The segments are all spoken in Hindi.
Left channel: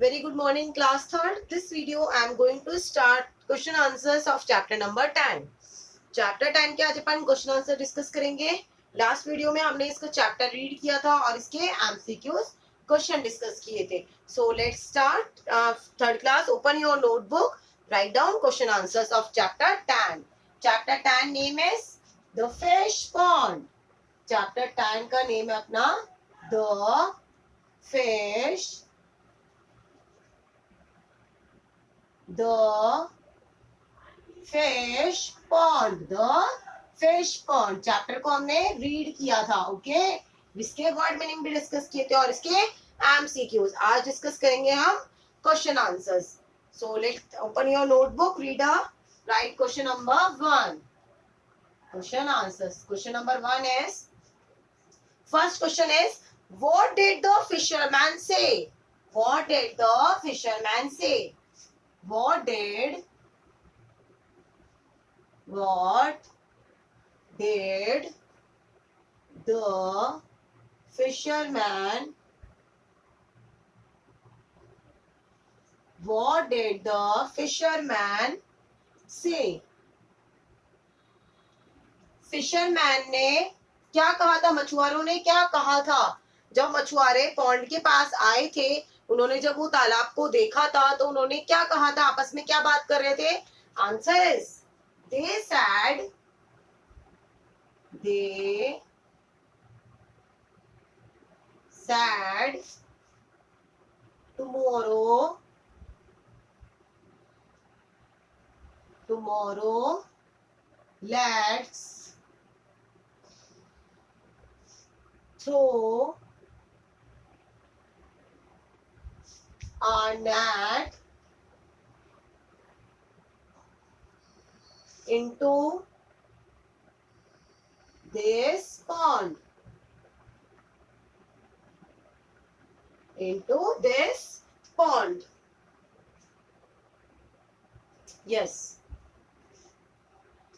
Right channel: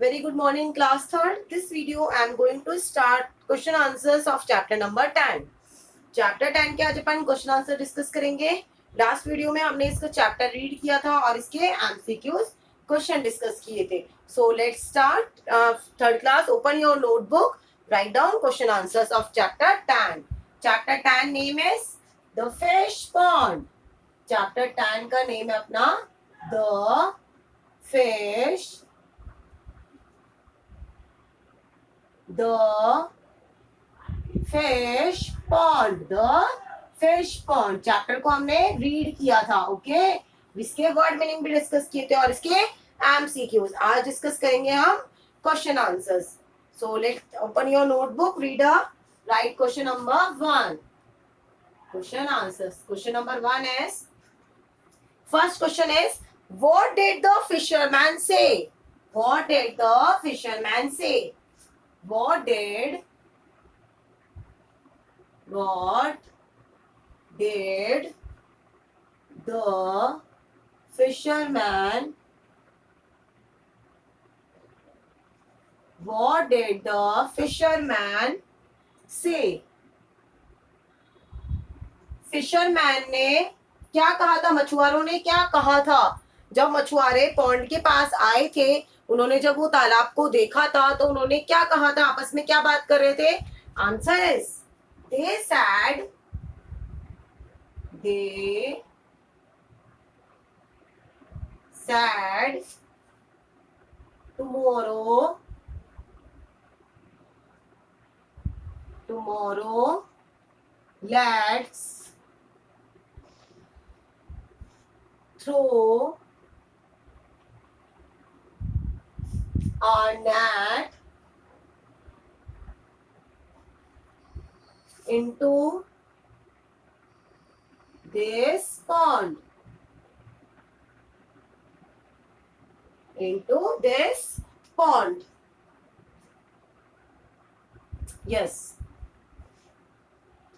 Very good morning, class third. This video I am going to start question answers of chapter number 10. Chapter 10 के आज अपन क्वेश्चन आंसर डिस्कस करेंगे. लास्ट वीडियो में हमने इसका चैप्टर रीड किया था और इसके एमसीक्यूज क्वेश्चन डिस्कस किए थे. So let's start. Third class, open your notebook, write down question answers of chapter 10. Chapter 10 name is the fish pond. Chapter 10 का नेम है अपना the fish pond. The fish pond chapter को हमने रीड किया था. ओके, इसके वर्ड मीनिंग भी डिस्कस किए थे और इसके एमसीक्यूज. आज डिस्कस करेंगे हम question answers. So let's open your notebook, reader, right question number 1. Question answers. Question number 1 is, first question is, what did the fisherman से? व्हाट डिड द फिशरमैन से? What did the fisherman say? Fisherman ने क्या कहा था? मछुआरों ने क्या कहा था जब मछुआरे पॉन्ड के पास आए थे? उन्होंने जब वो तालाब को देखा था तो उन्होंने क्या कहा था? आपस में क्या बात कर रहे थे? Answer is, they said tomorrow let's throw a net into this pond. Yes.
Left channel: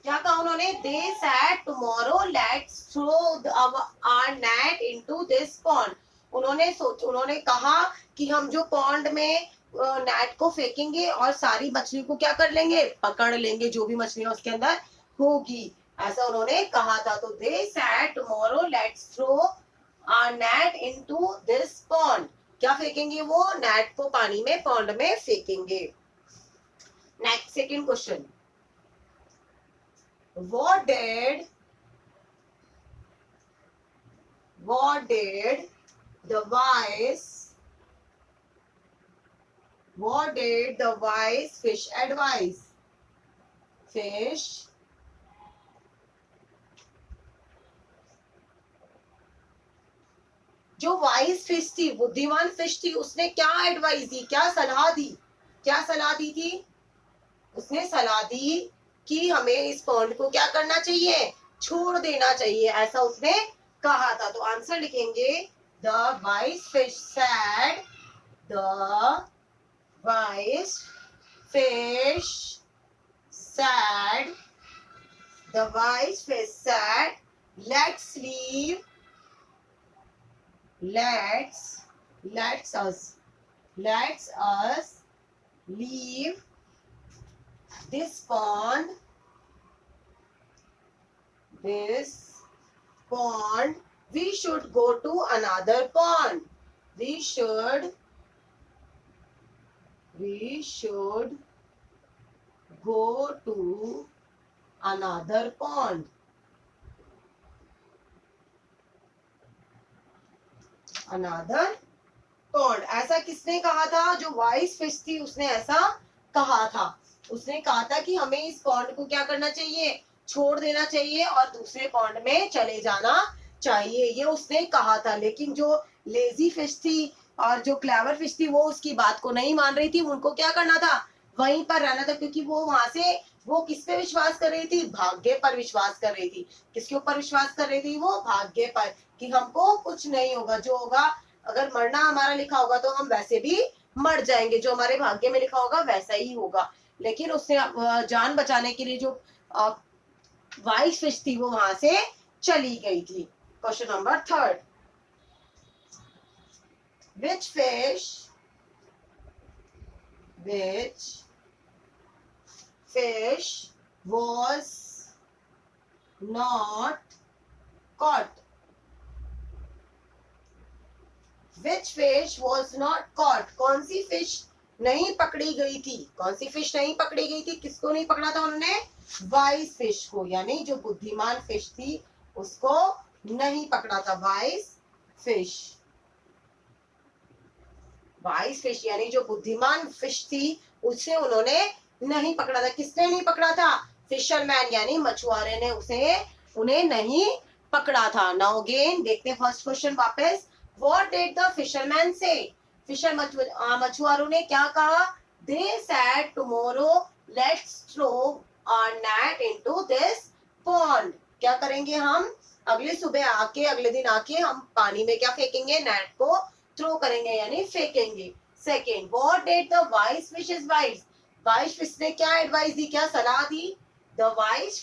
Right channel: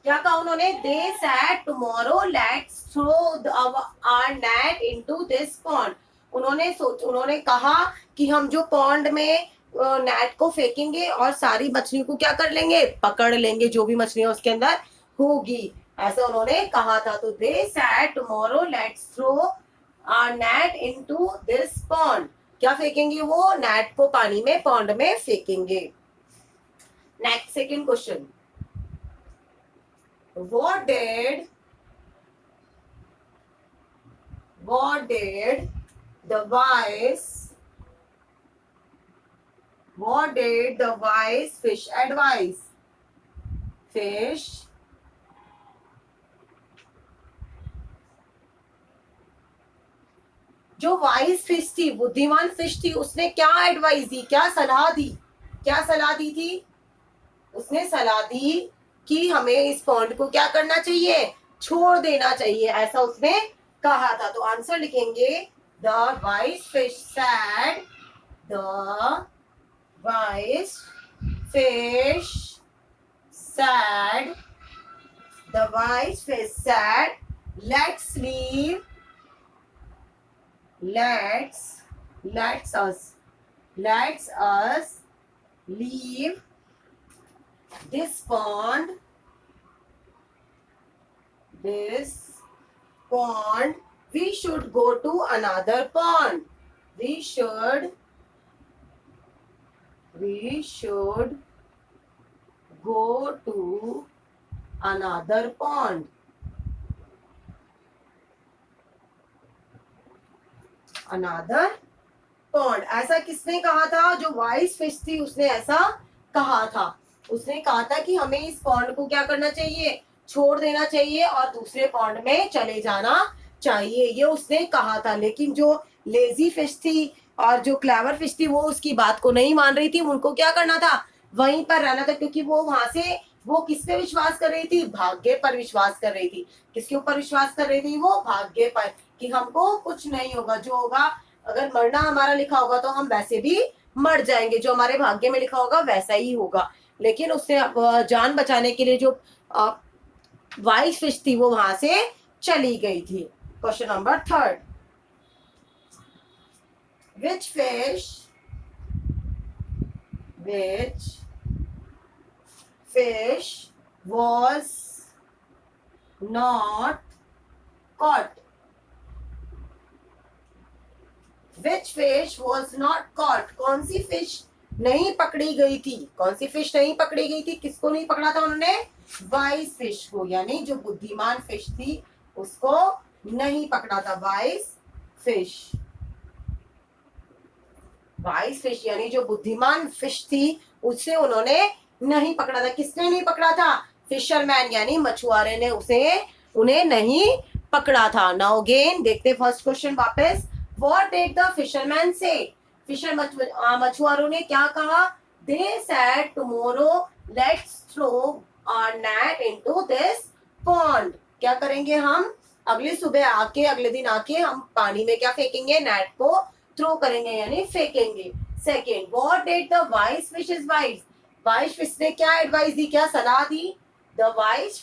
क्या कहा उन्होंने? They said tomorrow let's throw our net into this pond. उन्होंने कहा कि हम जो पॉन्ड में नेट को फेंकेंगे और सारी मछलियों को क्या कर लेंगे? पकड़ लेंगे, जो भी मछलियां उसके अंदर होगी, ऐसा उन्होंने कहा था. तो they said tomorrow let's throw our net into this pond. क्या फेंकेंगे वो? नेट को पानी में, पॉन्ड में फेंकेंगे. Next, second question, what did the wise fish advise? जो वाइज फिश थी, बुद्धिमान फिश थी, उसने क्या एडवाइस दी? क्या सलाह दी थी? उसने सलाह दी कि हमें इस पॉन्ड को क्या करना चाहिए? छोड़ देना चाहिए, ऐसा उसने कहा था. तो आंसर लिखेंगे, the wise fish said let's us leave this pond. We should go to another pond. We should go to another pond. ऐसा किसने कहा था? जो वाइज फिश थी उसने ऐसा कहा था. उसने कहा था कि हमें इस पॉन्ड को क्या करना चाहिए? छोड़ देना चाहिए और दूसरे पॉन्ड में चले जाना चाहिए, ये उसने कहा था. लेकिन जो लेजी फिश थी और जो क्लेवर फिश थी वो उसकी बात को नहीं मान रही थी. उनको क्या करना था? वहीं पर रहना था, क्योंकि वो वहां से वो किस पे विश्वास कर रही थी? भाग्य पर विश्वास कर रही थी. किसके ऊपर विश्वास कर रही थी? वो भाग्य पर, कि हमको कुछ नहीं होगा, जो होगा, अगर मरना हमारा लिखा होगा तो हम वैसे भी मर जाएंगे, जो हमारे भाग्य में लिखा होगा वैसा ही होगा. लेकिन उसने जान बचाने के लिए जो वाइज फिश थी वो वहां से चली गई थी. Question number 3, which fish which fish was not caught? Which fish was not caught? कौन सी फिश नहीं पकड़ी गई थी? कौन सी फिश नहीं पकड़ी गई थी? किसको नहीं पकड़ा था उन्होंने? वाइस फिश को, यानी जो बुद्धिमान फिश थी उसको नहीं पकड़ा था। वाइस फिश, वाइस फिश यानी जो बुद्धिमान फिश थी उसे उन्होंने नहीं पकड़ा था। किसने नहीं पकड़ा था? फिशरमैन यानी मछुआरे ने उन्हें नहीं पकड़ा था। नाउ अगेन देखते फर्स्ट क्वेश्चन वापस। What did the fisherman say? मछुआरों ने क्या कहा? They said tomorrow let's throw our net into this pond. क्या करेंगे हम? अगली सुबह आके, अगले दिन आके हम पानी में क्या फेंकेंगे? नेट को थ्रो करेंगे यानी फेंकेंगे। Second, what did the wise fish advise? Wise fish ने क्या एडवाइस दी, क्या सलाह दी? The wise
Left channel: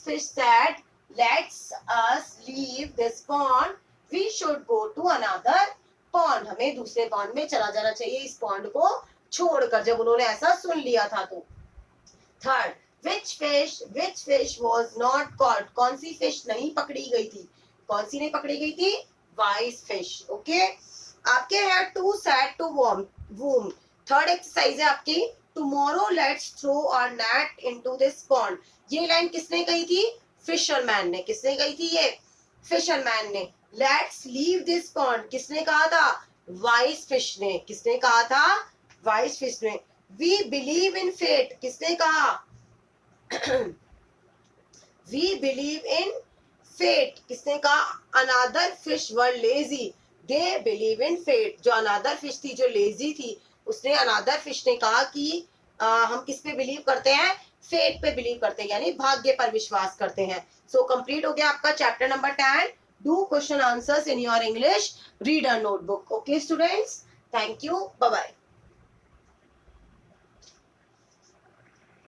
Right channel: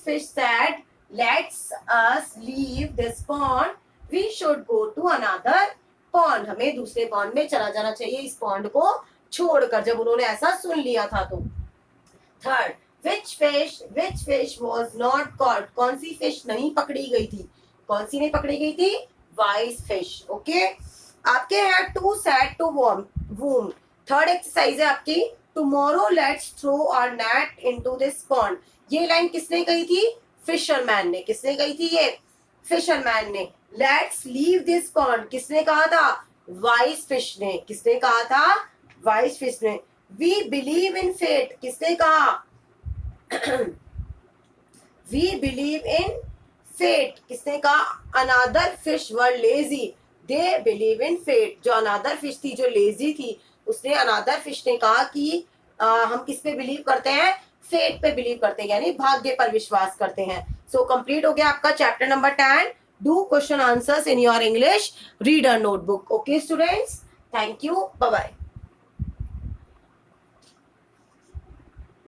fish said, let's us leave this pond. We should go to another pond. हमें दूसरे पॉन्ड में चला जाना चाहिए, इस पॉन्ड को छोड़कर। जब उन्होंने ऐसा सुन लिया था तो। Third, which fish was not caught? कौन सी फिश नहीं पकड़ी गई थी? कौन सी नहीं पकड़ी गई थी? Vice fish. ओके, आपके है to said to whom. Third exercise है आपकी, tomorrow let's throw our net into this pond. ये लाइन किसने कही थी? फिशरमैन ने। किसने कही थी ये? फिशरमैन ने। लेट्स लीव दिस पॉन्ड किसने कहा था? वाइस फिश ने। किसने कहा था? वाइस फिश ने। वी बिलीव इन फेट किसने कहा? वी बिलीव इन फेट किसने कहा? Another fish were lazy, they believe in fate. जो अनदर फिश थी, जो लेजी थी, उसने, अनदर फिश ने कहा कि हम किस पे बिलीव करते हैं? फेट पे बिलीव करते हैं, यानी भाग्य पर विश्वास करते हैं। सो कंप्लीट हो गया आपका chapter number 10. Do question answers in your English reader notebook. Okay students, thank you, bye bye.